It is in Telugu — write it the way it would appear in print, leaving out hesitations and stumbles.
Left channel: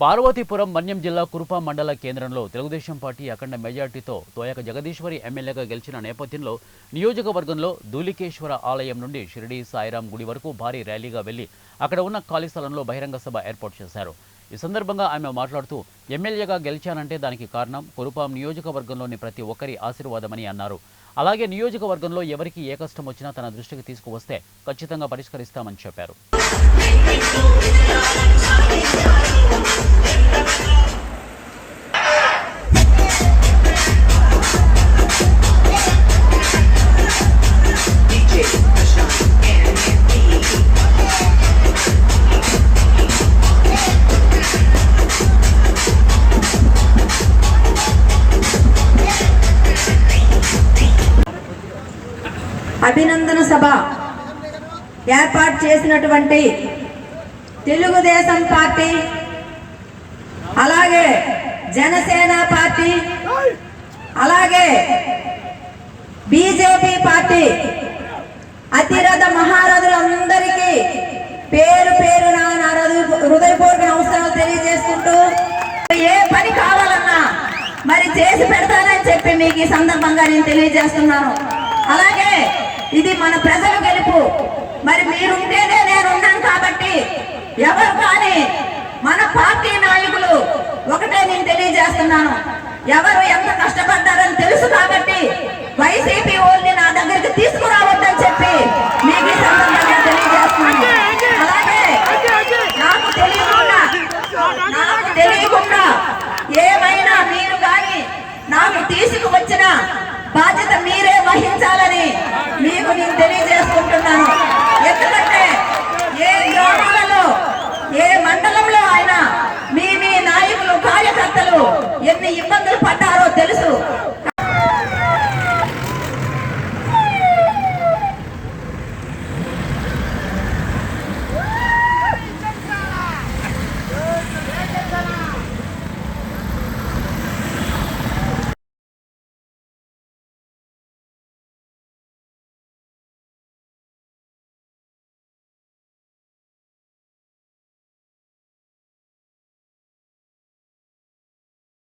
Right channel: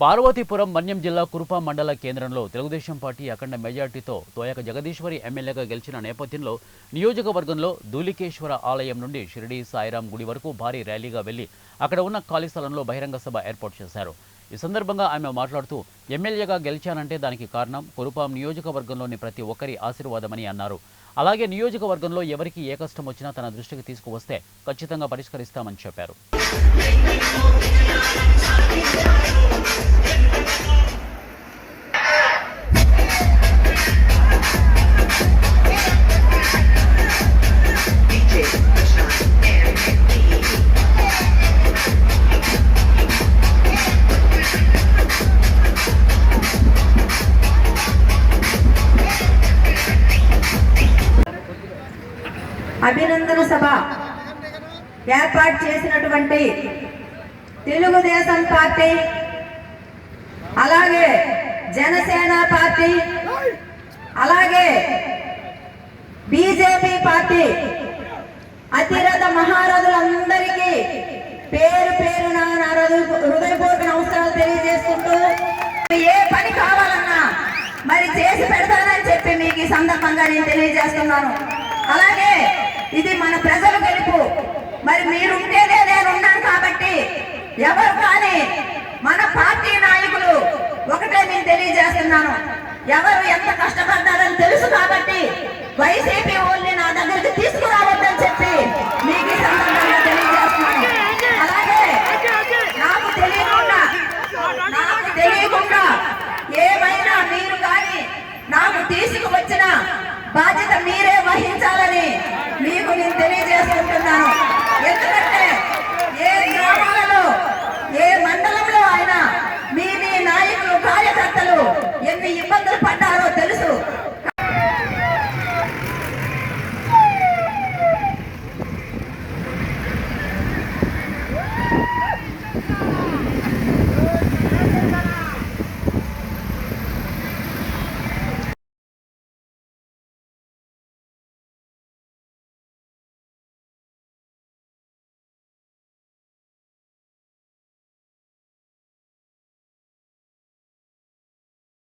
పార్వతీపురం మన్యం జిల్లా కురుపాం మండల కేంద్రంలో తెలుగుదేశం పార్టీ అఖండ మెజార్టీతో తోయక జగదీశ్వరి ఎమ్మెల్యేగా గెలిచిన నేపథ్యంలో నియోజకవర్గంలో ధూళికేశ్వర ఆలయం నుండి షిరిడి సాయిరాం గుడి వరకు భారీ ర్యాలీగా వెళ్లి అక్కడ ఉన్న ఖాళీ స్థలంలో బహిరంగ సభ ఏర్పాటు చేశారు. ఈ సందర్భంగా ఆమె మాట్లాడుతూ ఎమ్మెల్యేగా గెలిచానంటే దానికి కారణం కురుపాం నియోజకవర్గంలోని ప్రతి ఒక్కరి ఆశీర్వాదమని అన్నారు. అలాగే నియోజకవర్గంలో ఎవరికి ఏ కష్టం వచ్చినా తన దృష్టికి తీసుకువస్తే ఖచ్చితంగా పరిష్కరిస్తామని చెప్పారు. అభినందన సభ ఏర్పాటు చేసినటువంటి తెలుగుదేశం పార్టీ, అలాగే జనసేన పార్టీ, అలాగే బీజేపీ పార్టీ అతిరథ మహారథులందరికీ పేరు పేరున నా హృదయపూర్వక నమస్కారాలు తెలియజేసుకుంటూ, ఏ పని కావాలన్నా మరి చేసి పెడతానని చెప్పి మీకు ఈ సందర్భంగా నేను తెలియజేస్తున్నాను. అలాగే ఇది మన ప్రజల గెలుపు. మరి మీరుంటేనే నేను ఉన్నాను కాబట్టి ఎవరు కానీ మన పార్టీ నాయకులు ఒకటే నేను తెలియజేస్తున్నాను, ఎవరు ఎంత కష్టపడ్డారని తెలుసు కాబట్టి వైసీపీ ఓల్ని నా దగ్గరికి తీసుకురావద్దని చెప్పి మీకు ఈ సందర్భంగా తెలియజేస్తున్నాను. అలాగే నాకు తెలియకుండా ఏమైనా మీరు కానీ నాకు తీసుకువచ్చిన బాధ్యత మీరే వహించాలని మీకు నేను తెలియజేసుకుంటున్నాను. ఎందుకంటే ఏ గ్రామాలలో ఏ మండలంలో అయినా మీ నాయకులు కార్యకర్తలు ఎన్ని ఇబ్బందులు